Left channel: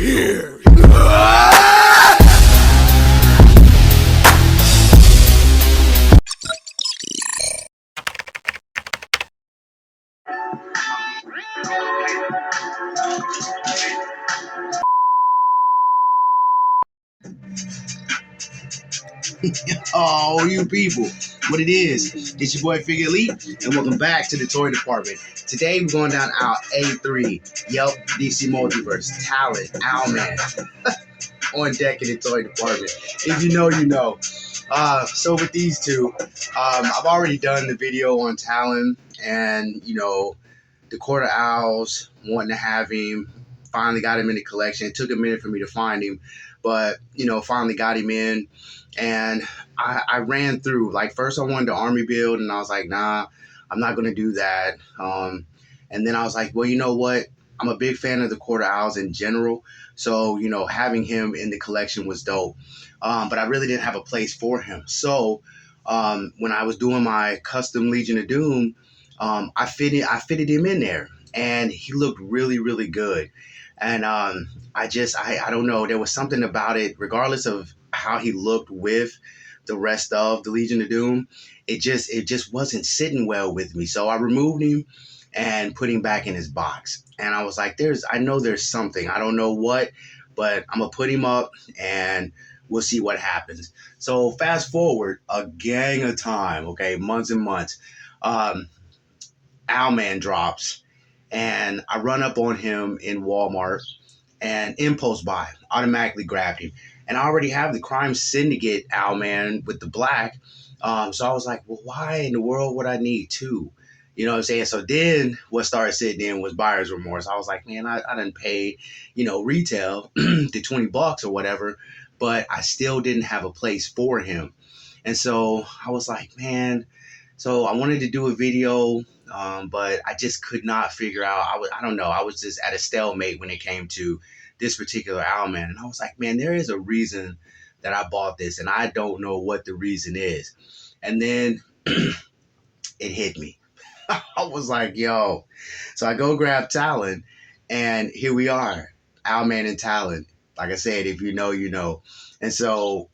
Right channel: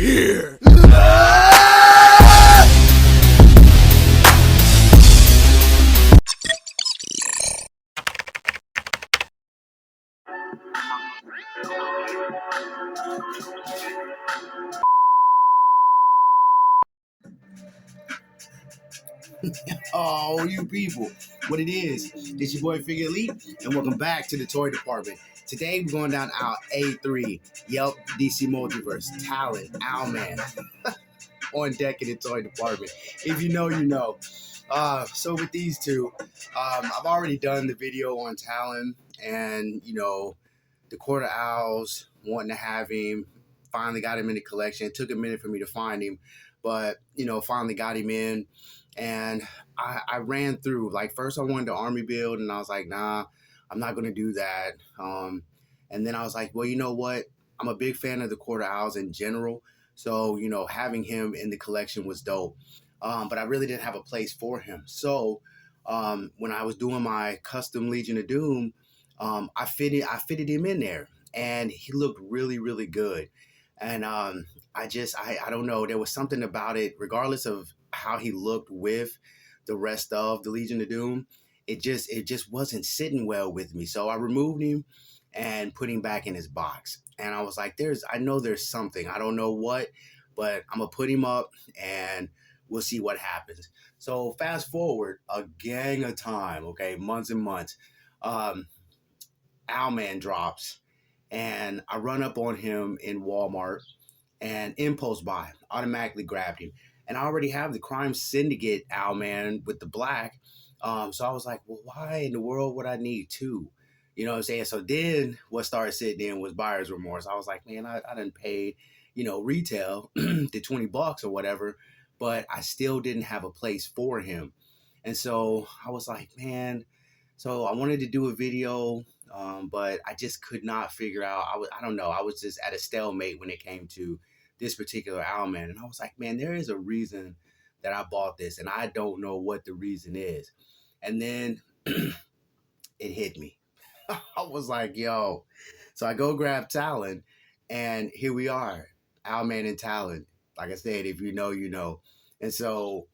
here. Oh, you people. What it is, it's your boy Figure Elite, and welcome back to the toy department. Today we're going down aisle A3. Yep, DC Multiverse, Talon, Owlman. On deck in the toy department. If you know, you know. So with these two, I've already done the video on Talon and, the Quarter Owls, wanting to have him. Finally got him in the collection. It took a minute for me to find him, but, finally got him in. And I ran through, like, first I wanted the army build, and I was like, nah, I'm not going to do that. And then I was like, well, you know what? I'm a big fan of the Quarter Owls in general. So, having him in the collection was dope. But I really didn't have a place for him. So when I was doing my custom Legion of Doom, I fitted him in there, and he looked really, really good. And I don't know, there was something about it, regardless of how he looked with the rest of the Legion of Doom, it just wasn't sitting well with me. So I removed him and put him back in his box. And I was like, I know there's something. I don't know what, but I'm gonna put him up and we'll see what happens. So fast forward a gang of time, okay, months and months. Owlman drops, and I run up on him in Walmart and impulse buy, automatically grabbed him. And I already have the Crime Syndicate Owlman with the black. So I was like, well, why in the world would I need two? You know what I'm saying? So then what started sitting in was buyer's remorse. I was like, man, I didn't pay, retail the $20 or whatever, but I still didn't have a place for him. And so I was like, man, so I wanted to do a video, but I just could not figure out. I don't know. I was just at a stalemate when it came to this particular Owlman. And I was like, man, there is a reason that I bought this, and I don't know what the reason is. And then it hit me. I was like, yo. So I go grab Talon, and here we are, Owlman and Talon. Like I said, if you know, you know. And so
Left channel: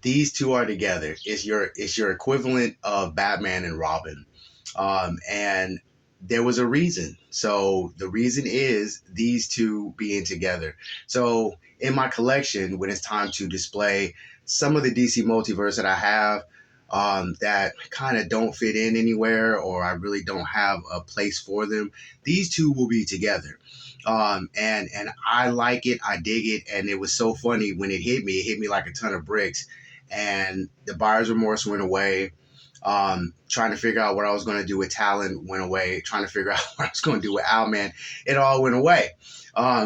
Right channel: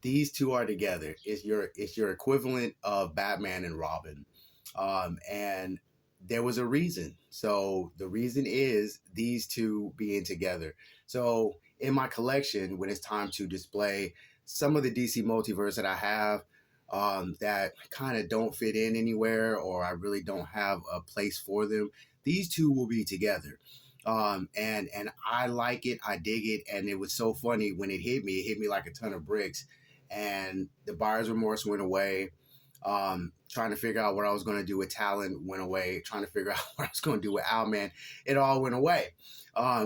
these two are together. It's your equivalent of Batman and Robin. And there was a reason. So the reason is these two being together. So in my collection, when it's time to display some of the DC multiverse that I have, that kind of don't fit in anywhere, or I really don't have a place for them, these two will be together. And I like it, I dig it, and it was so funny when it hit me like a ton of bricks, and the buyer's remorse went away. Trying to figure out what I was going to do with Talon went away. Trying to figure out what I was going to do with Owlman, it all went away.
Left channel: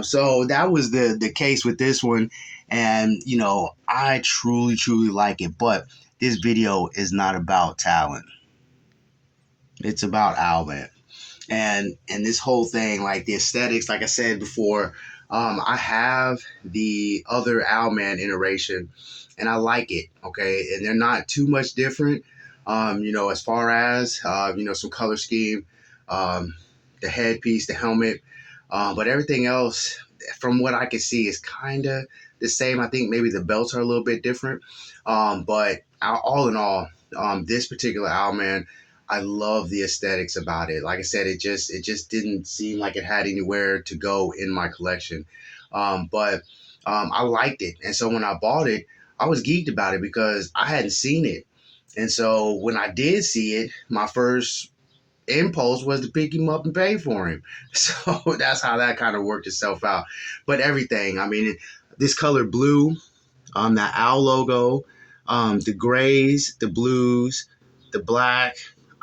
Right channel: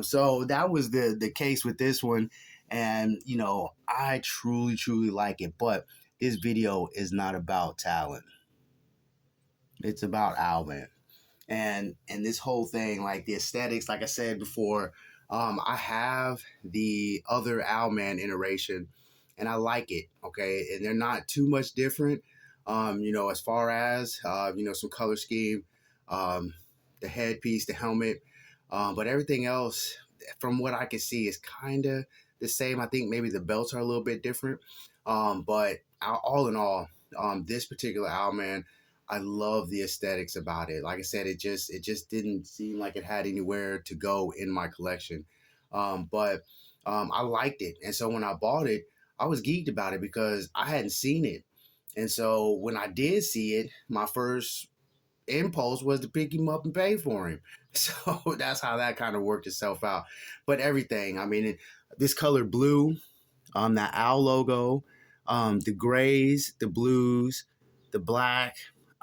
So that was the case with this one, and I truly like it. But this video is not about Talon. It's about Owlman, and this whole thing, like the aesthetics. Like I said before, I have the other Owlman iteration, and I like it. Okay, and they're not too much different. As far as, some color scheme, the headpiece, the helmet, but everything else, from what I can see, is kind of the same. I think maybe the belts are a little bit different, but all in all, this particular Owlman, I love the aesthetics about it. Like I said, it just didn't seem like it had anywhere to go in my collection, but I liked it, and so when I bought it, I was geeked about it because I hadn't seen it. And so when I did see it, my first impulse was to pick him up and pay for him. So that's how that kind of worked itself out. But everything, I mean, this color blue, that owl logo, the grays, the blues, the black,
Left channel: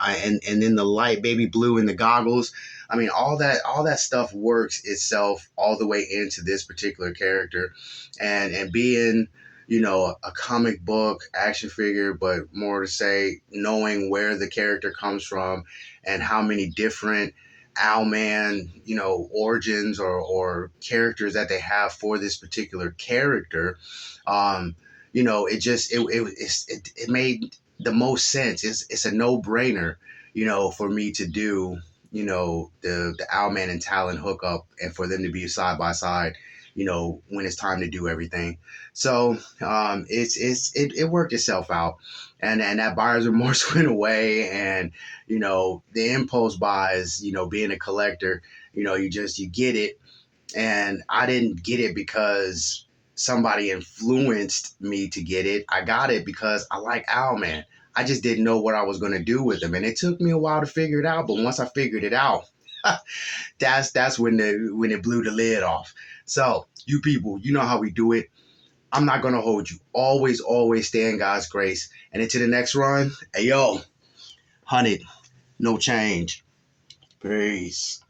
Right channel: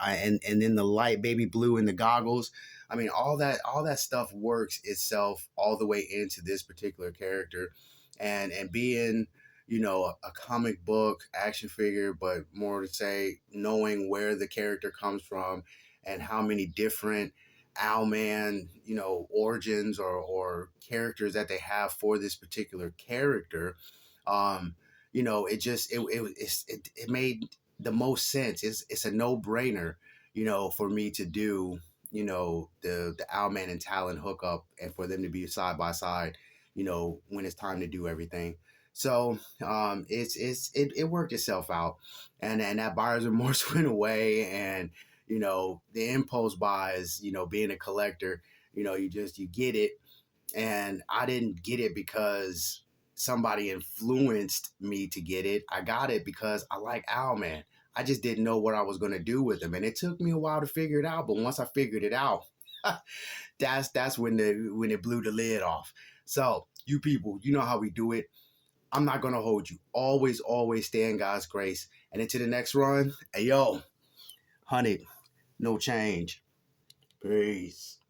and then the light baby blue in the goggles. I mean, all that stuff works itself all the way into this particular character, and being, a comic book action figure, but more to say, knowing where the character comes from and how many different Owlman, origins or characters that they have for this particular character, it made the most sense. It's a no-brainer, for me to do, the Owlman and Talon hookup, and for them to be side by side when it's time to do everything. So it worked itself out, and that buyer's remorse went away, and the impulse buys, being a collector, you get it, and I didn't get it because somebody influenced me to get it. I got it because I like Owlman. I just didn't know what I was going to do with him, and it took me a while to figure it out. But once I figured it out, that's when it blew the lid off. So you people, you know how we do it. I'm not gonna hold you. Always stay in God's grace. And into the next run, hey yo, 100, no change. Peace.